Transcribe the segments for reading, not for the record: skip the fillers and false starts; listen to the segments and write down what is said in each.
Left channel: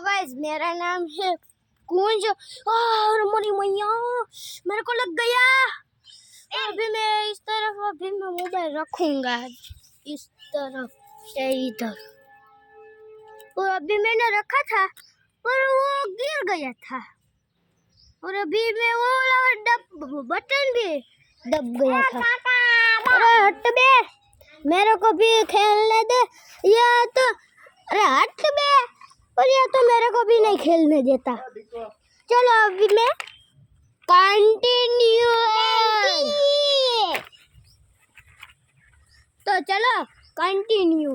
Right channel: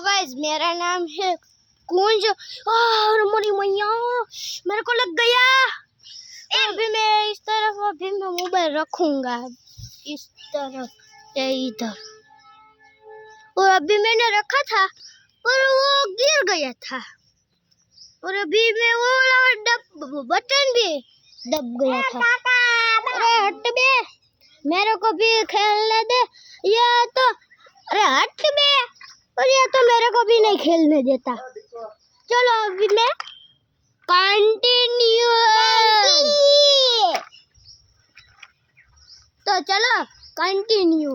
Guys, मेरा नाम है कुंज और मोरी मैया मेरे को लग गया। अभी मैं इस तरफ अभी मैं मोबाइल रखूंगा इस तरफ से इधर, और अभी मैंने रखा था पर वो गिर गया था, और अभी मैं वो बटन भी दब गया था। अरे हट बे, मेरे को भी खेलने दे। ये तो अरे हट बे, और ये तो मेरे को भी नहीं खेलने देता। चलो अभी मैं कंटिन्यू, तो चलो कंटिन्यू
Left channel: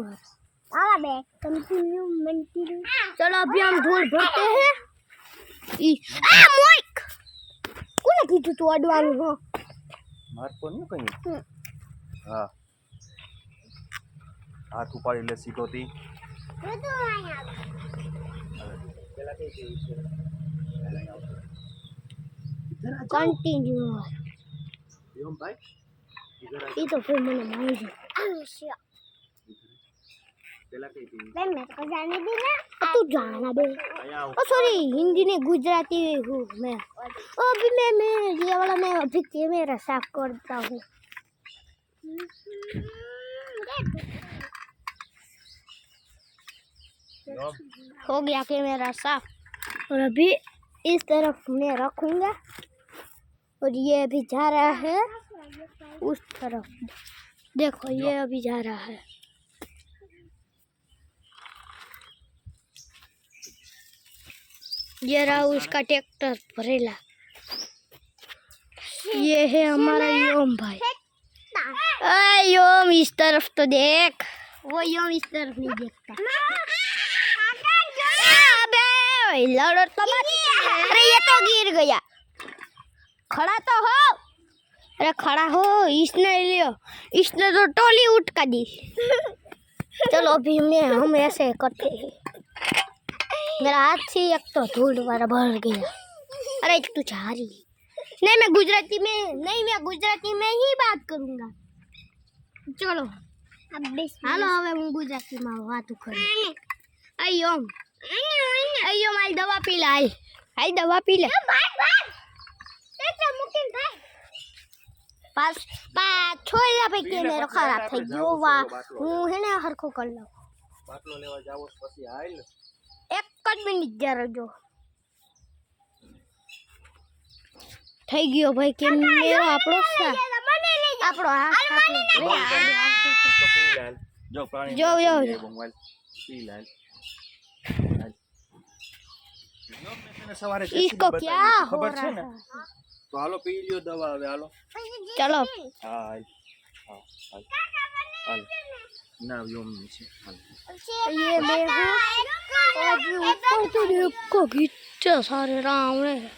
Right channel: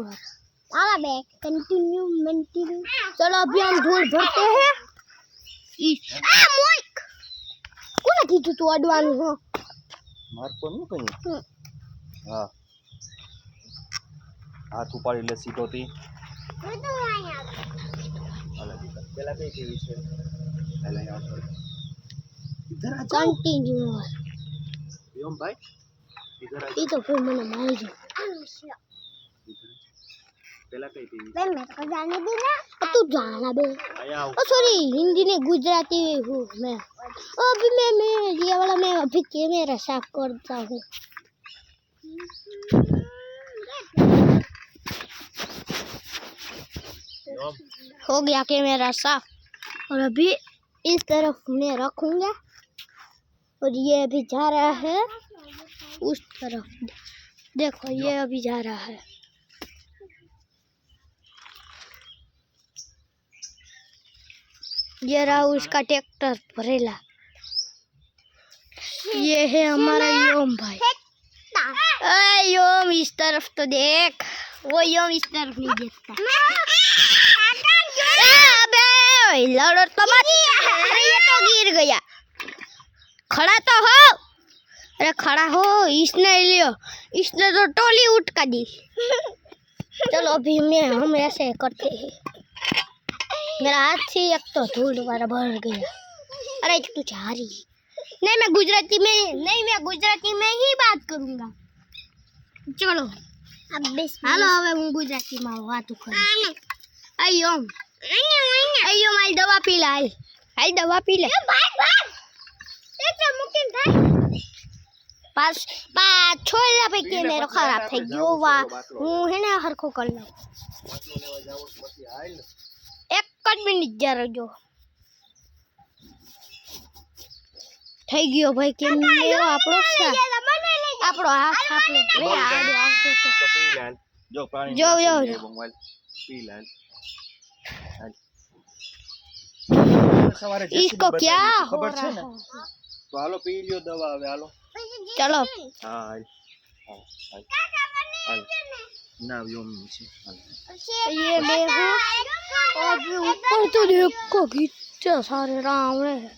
कंटिन्यू। चलो अभी हम धूल भरते हैं। कोने कीधुं તું અડવાનું હો? મારતો નહીં કઈ. હા, હાથ ઉપાડી લે સીધોથી. પેલા કઈ કેવી છે? कंटिन्यू એમ ભાઈ ये तो फिर मैंने मारी जो પેલા કઈ કેવી? मैं तो जाने दी ना, तू जाना बे। ओ सॉरी, हिंदी नहीं गुजराती हूँ मैं। अभी मैं ये वाला मैं अभी कैमरा साफ करता हूँ। हो गया कैमरा साफ, और अभी इस तरफ मैं रखूंगा, और ये अभी जा रहा है उस तरफ। देखो ये अभी जा रहा है। ये रहा उसका ट्रैक्टर भरेला। ये है हमारा योम भाई। योम इस तरफ तो देख, वो योम इस तरफ नहीं देखता। अबे लड़ो तो मत। अरे ये तो गिर गया। खड़ा तो हो, अरे खड़ा हो। इसने लियो, इसने तो टोली उठका दी। चलो अभी हम ऐसे करते हैं। मेरा हाथ से एक तो धूल वाला भर गया। अरे तू जा रही नहीं, मैं गुजराती में ही बात करूंगा। चलो हालो હવે હું ગુજરાતીમાં વાતો કરું। અયો મારી દવા પી લે, હાલ દવા પી લે। છોડલા ભાઈ કેમેરો ખરાબ થઈ ગયો। હું હે ને હરખો કરી લઉં। એક જ મિનિટ જરા જો થઈ ગયો ભાઈ કેમેરો આપણો હાથ આપણો નહીં આડો આવતો તો પી લાલ જો પાણી જો પી લાલ। इसको क्या हो रहा है? તો હાલો પી લ્યો દવા હવે હાલો। चलो હા હાલ ના યોમ છે હાલ। ये मैं हूँ। अभी ऊपर तो देखो कितने सारे रावण है।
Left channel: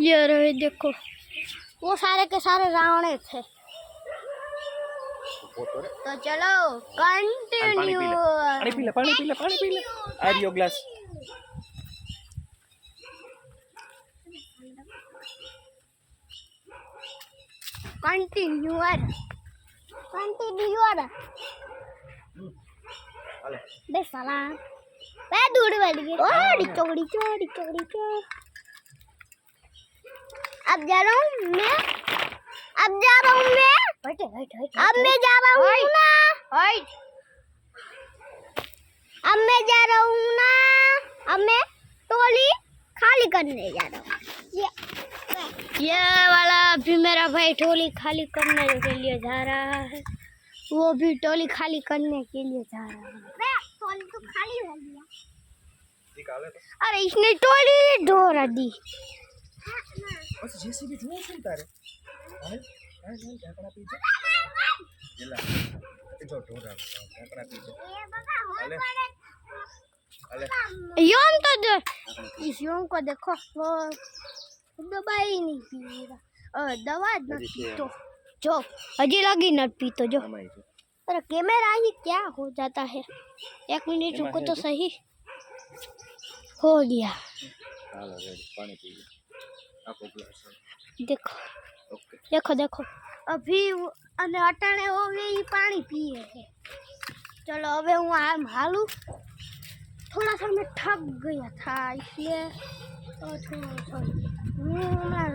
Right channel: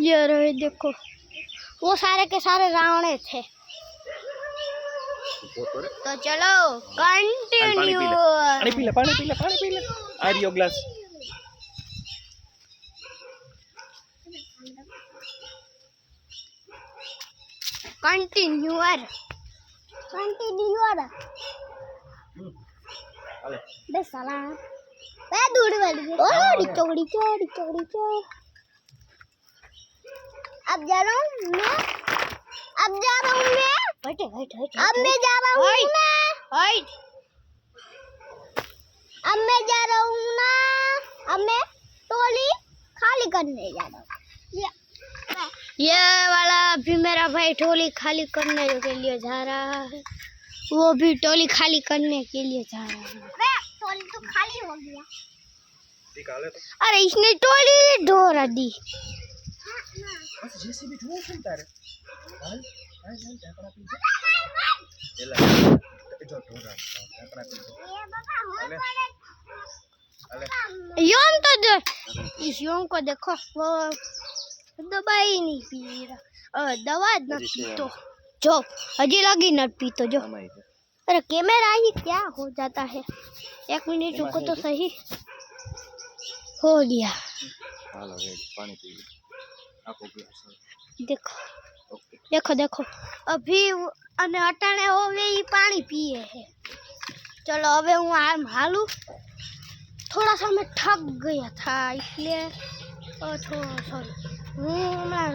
ये रहे देखो, वो सारे के सारे रावण थे। तो चलो कंटिन्यू। पानी पी ले आ रियो ग्लास। कंटिन्यू हाले बे साला बे दूर वाली ओड़ी चोड़ी अब जा रहा हूँ मैं, अब मैं जा रहा हूँ ना, अब मैं जा रहा हूँ ना, अब मैं टोली खाली करने जा रहा हूँ। ये वाला अभी मेरा भाई टोली खाली करने के लिए जा रहा है। वो भी टोली खाली करने के लिए जा रहा है। टोली तो खाली हो गया। अरे इसने टोली ढोरा दी। जेसीबी ढोर सुनता रे हाल ढाकड़ा पीछे एला जो ढोरा ढाकड़ा पीछे हाले योम तो इस योम को देखो, वो दवा ही नहीं पी रहा। दवा न पीतो जो हजी लगी न पीतो जो। अरे कैमरा ही क्या हो जाता है। एक मिनट रुको तो सही। हो गया। हालो रेडी पानी पी लो आपको ग्लास देखो अभी अने अटाणे होवे ई पानी पिए है। चलो अबे हूँ आम हालू थोड़ा सा मैं थक गया था इसलिए सॉरी हूँ मैं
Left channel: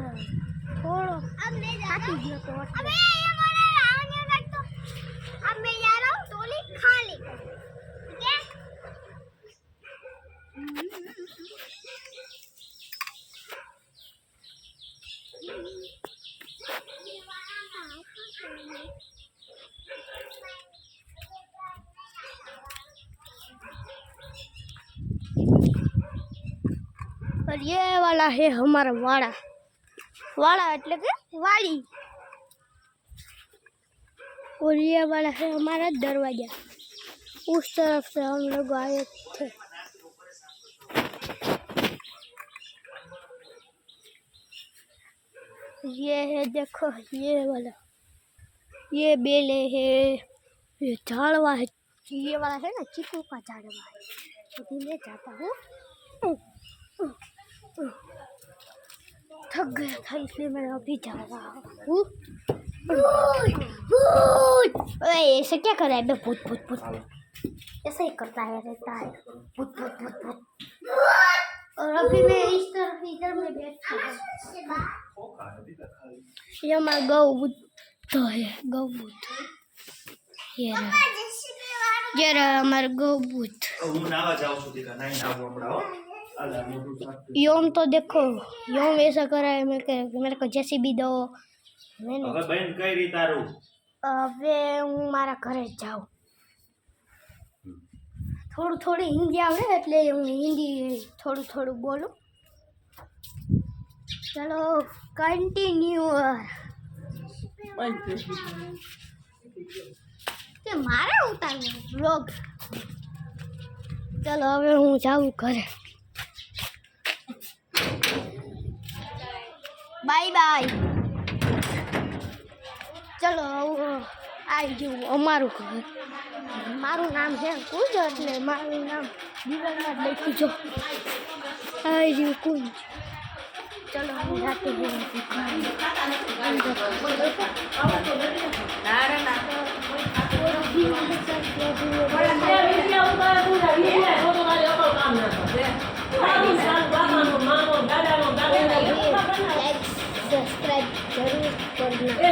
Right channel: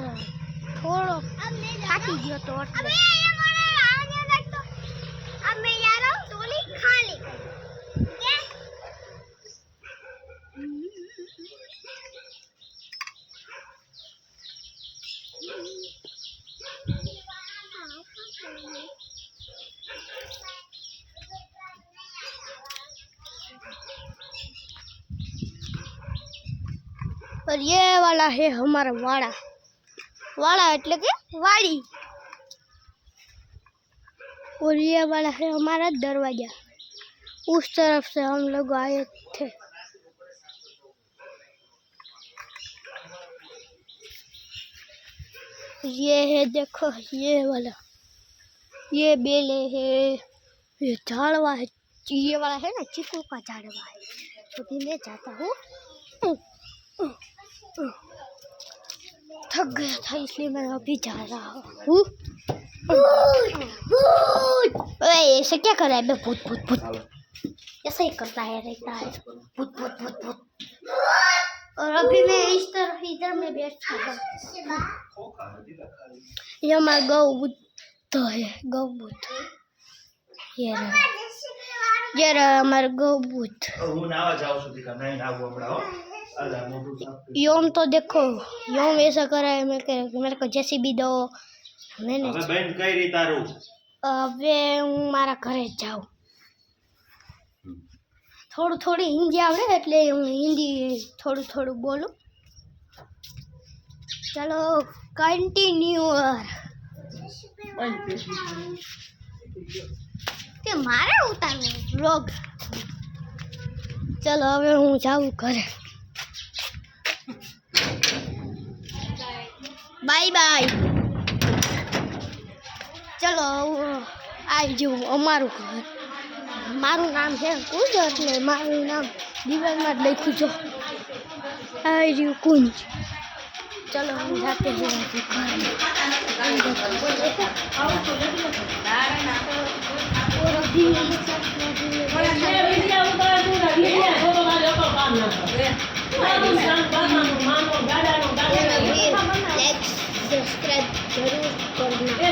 थोड़ो થાકી ગયો તો એટલે अब मैं जा रहा हूँ टोली खाली और ये वाला है हमारा वाड़ा वाड़ा એટલે કે વાડી और ये वाला है हमारा दरवाजा उस तरफ से हम लोग आए थे ये है देखो ये वाला ये बेले है ये झाड़वा है ये वाला है ना चीकू का झाड़वा है तो मैं जाता हूँ थक गया था इसलिए मैं अभी जा रहा हूँ ऐसे क्या कर रहा है बे भूत भूत भूत ऐसा ही करता है रहता है भूत भूत भूत भूत और अभी मैं इस तरफ इधर में बैठा हूँ ये हमारा गौबुद्ध है गौबुद्ध ये रहा हमारा गौबुद्ध હું નાવા જાઉં છું દીકા નહીં નાવું હમણાં હો અલા મોઢું સાફ योम तो देखो योम ऐसा करा है मेरे को जेसीबी दो मैंने હવે બેન કઈ રી તારું હવે હું મારા ઘરે જાઉં થોડું થોડી હિન્દી આવડે એટલે હું હિન્દી થોડું થોડું બોલું ચલો કન્ટિન્યુ કે મારે ઉતારવું વ્લોગ ચલો હવે હું જાઉં ઘરે બાય બાય ચલો આવી જવું અમારું ઘર મારું નામ છે કુંજ એટલે મારું નામ દિવાલમાં જ લખ્યું જો આવી રહ્યું કુંજ ચલો હું જાતે જઉં सब्सक्राइब जरूर करना।